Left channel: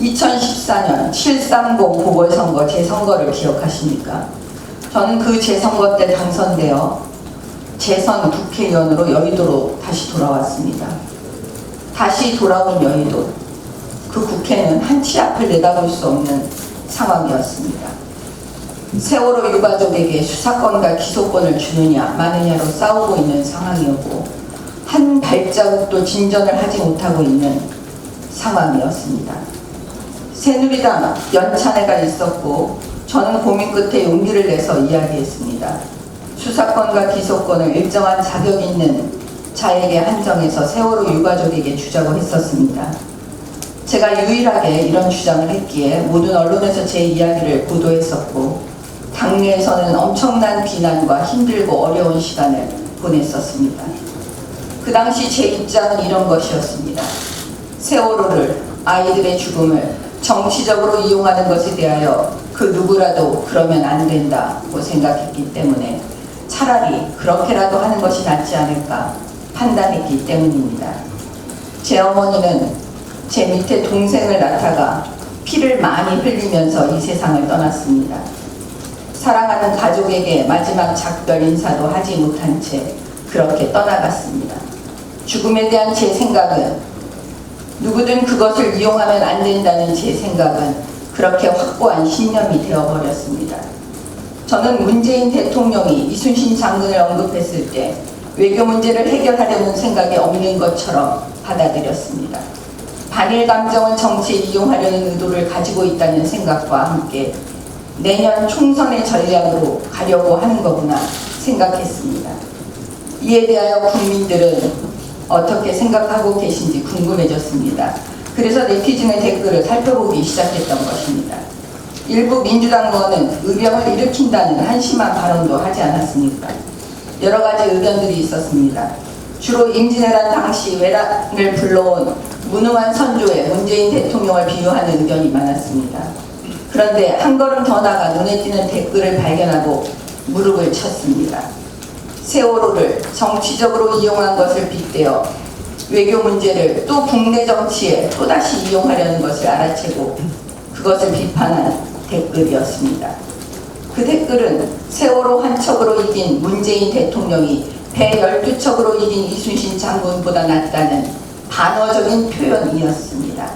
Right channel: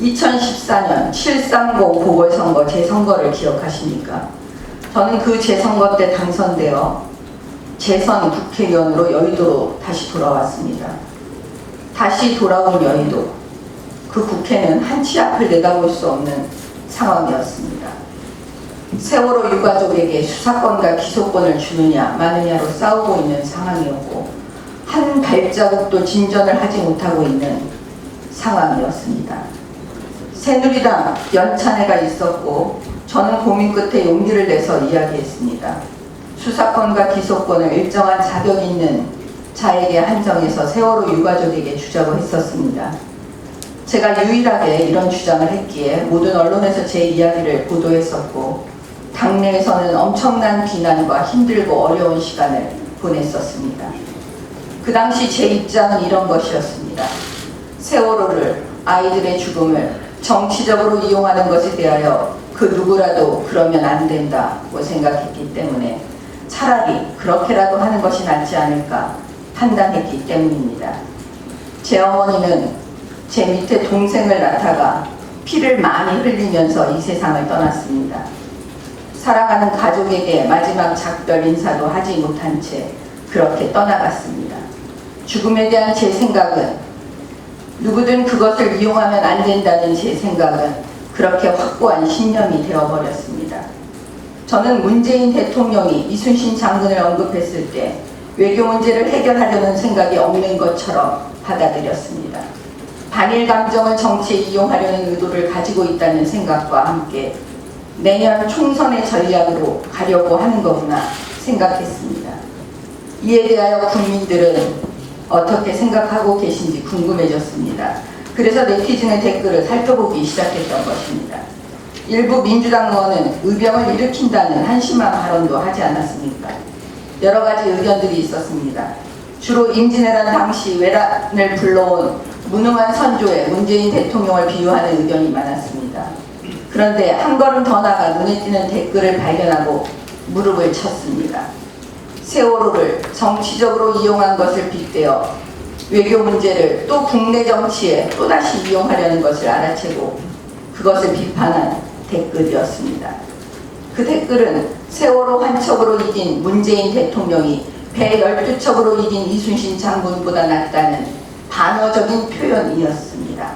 2014년 7.30 보궐선거 재선거를 기억하십니까? 저는 그 재선거 때 당선되어 재선 국회의원으로 여의도로 다시 돌아왔습니다. 다시 돌아온 여의도, 그 국회는 한 치 앞을 내다볼 수 없는 상황이었습니다. 세월호 유가족에게 수사권과 기소권을 주느냐 마느냐로 싸우고 있는 상황이었고, 한 발자국도 진전을 하지 못하고 있는 상황이었습니다. 새누리당 연찬회가 있었고, 저는 고민 끝에 용기를 내서 이야기했습니다. 수사권과 기소권을 일정한 자격 있는 자에게 한정해서 세월호 유가족에게 주자고 했었습니다. 제가 유일하게 이런 주장을 했기에 모든 언론에서 제 이야기를 보도했었고, 당내에서는 엄청난 비난과 힘들고 어려운 시간을 보냈었습니다. 그 당시 제 입장은 이런 것이었습니다. 세월호를, 아이들의 죽음을 정치적으로 이용하는 것에 대하여 그 누구라도 그러면 안 된다고 생각했기 때문에 차라리 그렇게라도 하는 것이 낫지 않을까 판단했기 때문입니다. 제 어머니는 제 밑에 동생을 낳다가 피를 많이 흘리면서 이 세상을 떠났습니다. 사랑하는 가족에게 마지막 작별 인사도 하지 못한 채 그렇게 떠나갔습니다. 죽음에 대한 제 생각은, 누구든 그것을 이용하면 안 된다는 제 생각은 그렇게 확고한 신념이 되어버렸습니다. 저는 문재인 대통령이 이순신 장군을 언급했을 때 외교 문제를 해결하려는 생각이 없는 것처럼 받아들였습니다. 반일 감정을 정치에 이용하려는 의도를 가지고 있다는 생각과 함께 내년 총선의 전략으로 가려고 하는 거구나 생각했습니다. 이에 대하여 국민들은 어떻게 생각하고 계신지 궁금해졌습니다. 그래서 네티즌의 댓글을 살펴보기 시작했던 것입니다. 일부 민주당 의원은 의병을 일으킨다는 한심한 발언도 하지 않았습니까? 여러 가지 의견들이 있었습니다. 주로 임진왜란 당시 왜란을 불러온 무능한 선조에 문재인 대통령을 비유하는 의견이 많았습니다. 그런데 한 걸음 더 나가 눈에 띄는 댓글을 발견하고 무릎을 쳤습니다. 세월호를 정치적으로 이용한 것을 빗대어 외교 문제를 또 국내 정치에 또다시 이용하려는 것을 알아채고 그것을 비판한 댓글이었습니다. 그 댓글은 세월호 한 척으로 이긴 문재인 대통령이 배 12척으로 이긴 이순신 장군보다 낫다는 반어적인 표현이었습니다.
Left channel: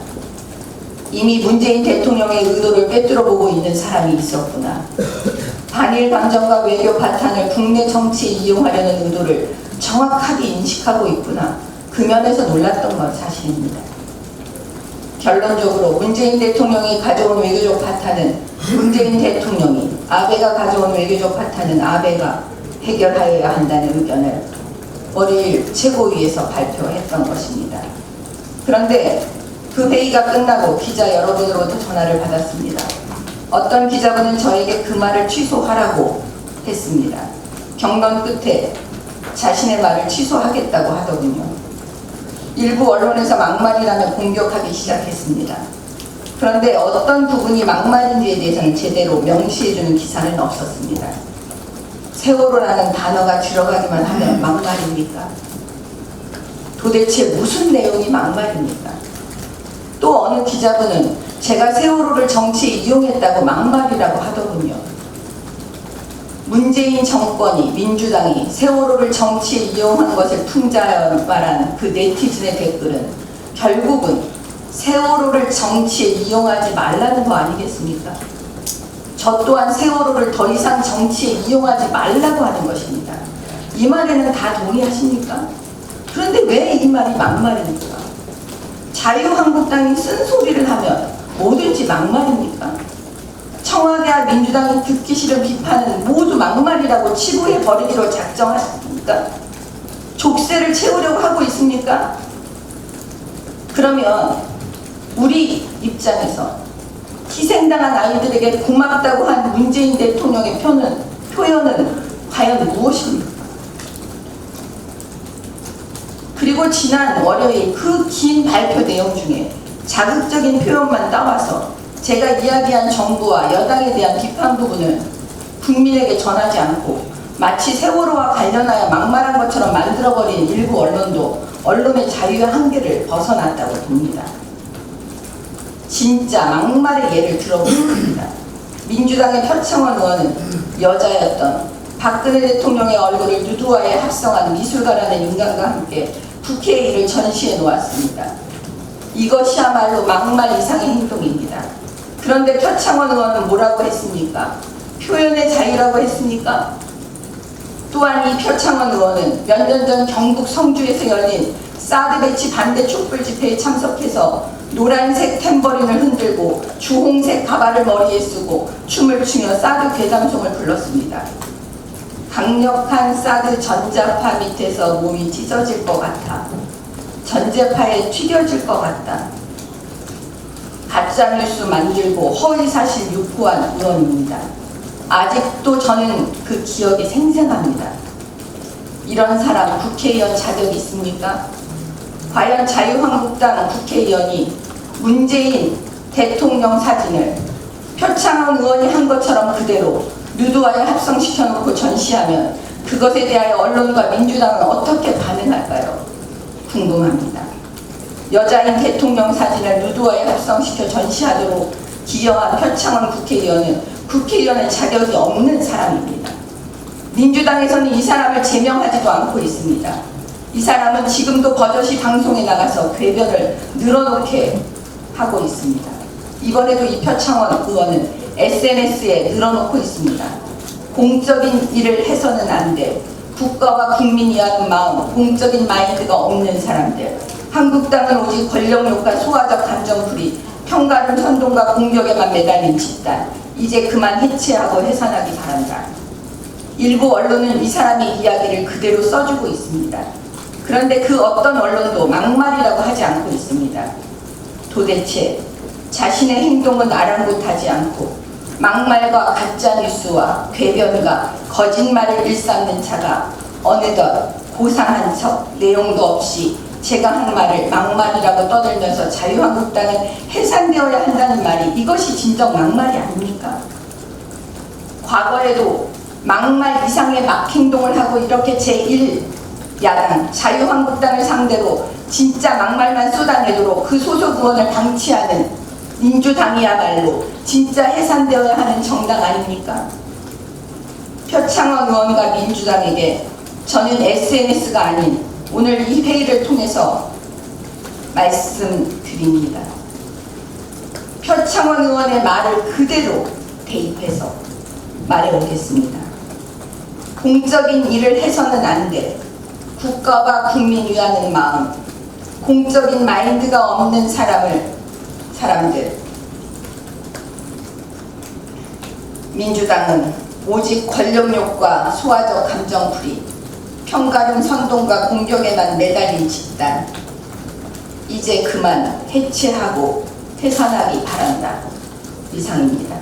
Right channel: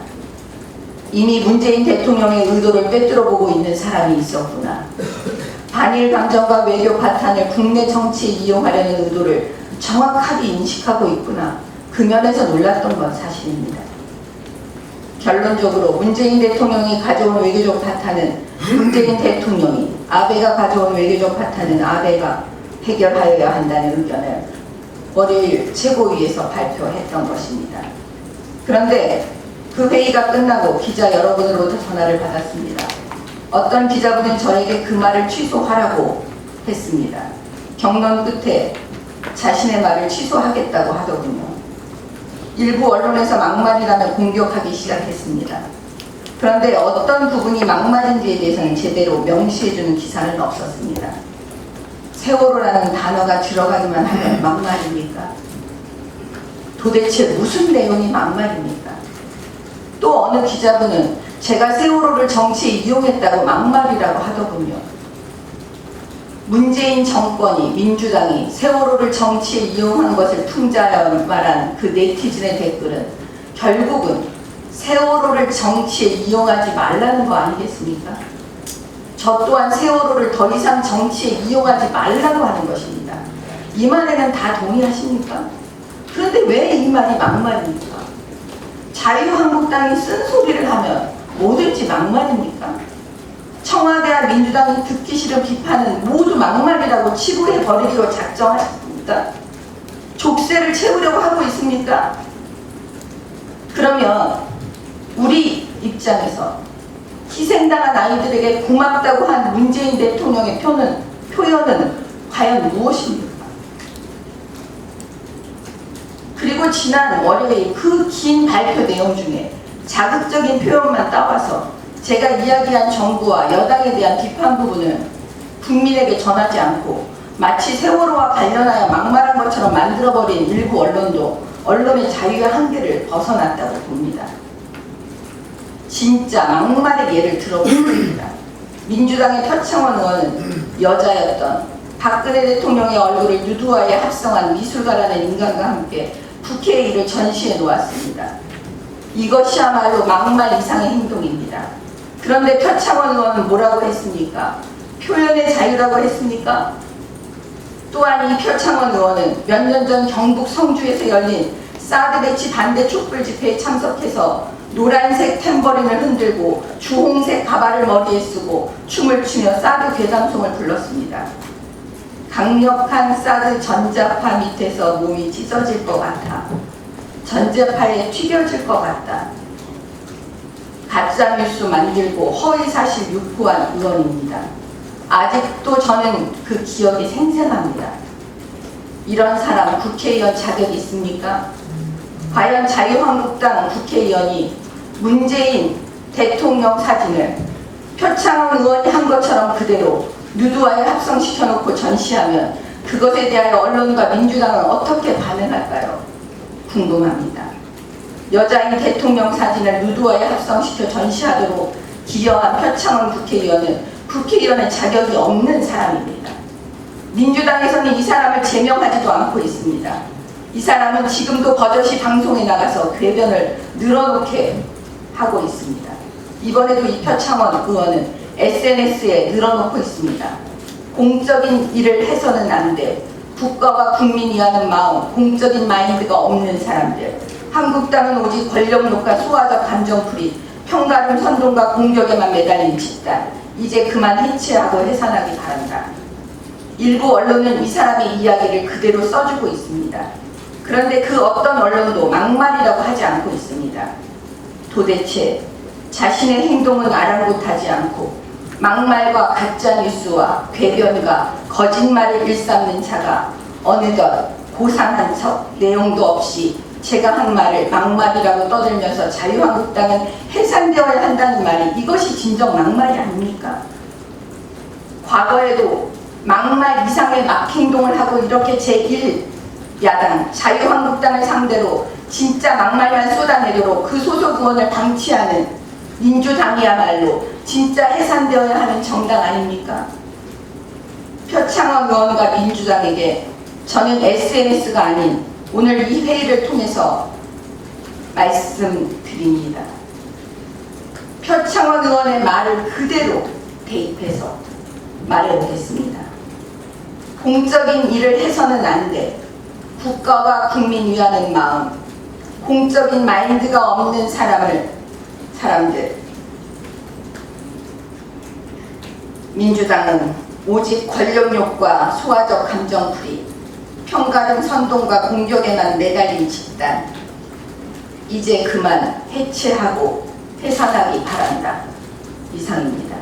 이미 문재인 대통령의 의도를 꿰뚫어보고 있는 사람이 있었구나. 반일 감정과 외교 바탕을 국내 정치에 이용하려는 의도를 정확하게 인식하고 있구나. 그 면에서 놀랐던 건 사실입니다. 결론적으로 문재인 대통령이 가져온 외교적 파탄은 문재인 대통령이, 아베가 가져온 외교적 파탄은 아베가 해결하여야 한다는 의견을 월요일 최고위에서 발표했던 것입니다. 그런데 그 회의가 끝나고 기자 여러분으로부터 전화를 받았습니다. 어떤 기자분은 저에게 그 말을 취소하라고 했습니다. 경론 끝에 자신의 말을 취소하겠다고 하더군요. 일부 언론에서 막말이라며 공격하기 시작했습니다. 그런데 어떤 부분이 막말인지에 대해서는 제대로 명시해주는 기사는 없었습니다. 세월호라는 단어가 들어가기만 하면 막말입니까? 도대체 무슨 내용이 막말입니까? 또 어느 기자분은 제가 세월호를 정치에 이용했다고 막말이라고 하더군요. 문재인 정권이, 민주당이 세월호를 정치에 이용한 것을 풍자하여 말한 그 네티즌의 댓글은 결국은 세월호를 정치에 이용하지 말라는 거 아니겠습니까? 저 또한 세월호를 더 이상 정치에 이용하지 말라고 하는 것입니다. 이 말에는 다 동의하십니까? 그런데 왜 이 말이 막말입니까? 자유한국당이 쓴소리를 하면 뭐든지 막말입니까? 청와대와 민주당이 듣기 싫은 비판은 모두 막말이라고 치부해버리기로 작정하십니까? 족쇄를 채우려고 하고 있습니까? 그러면 우리 입장에서 희생당한 아이들에게 고맙다고 한 문재인 대통령의 표현은 과연 무엇입니까? 그리고 지난 월요일 그 긴 발표 내용 중에 자극적인 표현만 따와서 제가 이야기한 정부와 여당에 대한 비판 부분은 국민에게 전하지 않고 마치 세월호와 관련하여 막말한 것처럼 만들어버린 일부 언론도 언론의 자유의 한계를 벗어났다고 봅니다. 진짜 막말의 예를 들어보겠습니다. 민주당의 표창원 의원은 여자였던 박근혜 대통령의 얼굴을 누드화에 합성한 미술가라는 인간과 함께 국회의 일을 전시해 놓았습니다. 이것이야말로 막말 이상의 행동입니다. 그런데 표창원 의원은 뭐라고 했습니까? 표현의 자유라고 했습니까? 또한 이 표창원 의원은 몇 년 전 경북 성주에서 열린 사드 배치 반대 촛불 집회에 참석해서 노란색 탬버린을 흔들고 주홍색 가발을 머리에 쓰고 춤을 추며 사드 괴담송을 불렀습니다. 강력한 사드 전자파 밑에서 몸이 찢어질 것 같아. 전자파에 튀겨질 것 같다. 가짜뉴스 만들고 허위사실 유포한 의원입니다. 아직도 저는 그 기억이 생생합니다. 이런 사람 국회의원 자격이 있습니까? 과연 자유한국당 국회의원이 문재인 대통령 사진을 표창원 의원이 한 것처럼 그대로 누드화에 합성시켜놓고 전시하면 그것에 대하여 언론과 민주당은 어떻게 반응할까요? 궁금합니다. 여자인 대통령 사진을 누드화에 합성시켜 전시하도록 기여한 표창원 국회의원은 국회의원의 자격이 없는 사람입니다. 민주당에서는 이 사람을 제명하지도 않고 있습니다. 이 사람은 지금도 버젓이 방송에 나가서 궤변을 늘어놓게 하고 있습니다. 이번에도 이 표창원 의원은 SNS에 늘어놓고 있습니다. 공적인 일을 해서는 안 돼. 국가와 국민이 하는 마음, 공적인 마인드가 없는 사람들. 한국당은 오직 권력욕과 소화적 감정풀이, 평가름 선동과 공격에만 매달린 집단. 이제 그만 해체하고 해산하기 바란다. 일부 언론은 이 사람의 이야기를 그대로 써주고 있습니다. 그런데 그 어떤 언론도 막말이라고 하지 않고 있습니다. 도대체 자신의 행동은 아랑곳하지 않고 막말과 가짜뉴스와 궤변과 거짓말을 일삼는 자가 어느덧 고상한 척 내용도 없이 제가 한 말을 막말이라고 떠들면서 자유한국당은 해산되어야 한다는 말이 이것이 진정 막말이 아닙니까? 과거에도 막말 이상의 막행동을 하고 이렇게 제1야당 자유한국당을 상대로 진짜 막말만 쏟아내도록 그 소속 의원을 방치하는 민주당이야말로 진짜 해산되어야 하는 정당 아닙니까? 표창원 의원과 민주당에게 저는 SNS가 아닌 오늘 이 회의를 통해서 말씀드립니다. 표창원 의원의 말을 그대로 대입해서 말해오겠습니다. 공적인 일을 해서는 안 돼. 국가와 국민 위하는 마음, 공적인 마인드가 없는 사람들. 민주당은 오직 권력욕과 소화적 감정풀이, 평가름 선동과 공격에만 매달린 집단. 이제 그만 해체하고 해산하기 바란다. 이상입니다.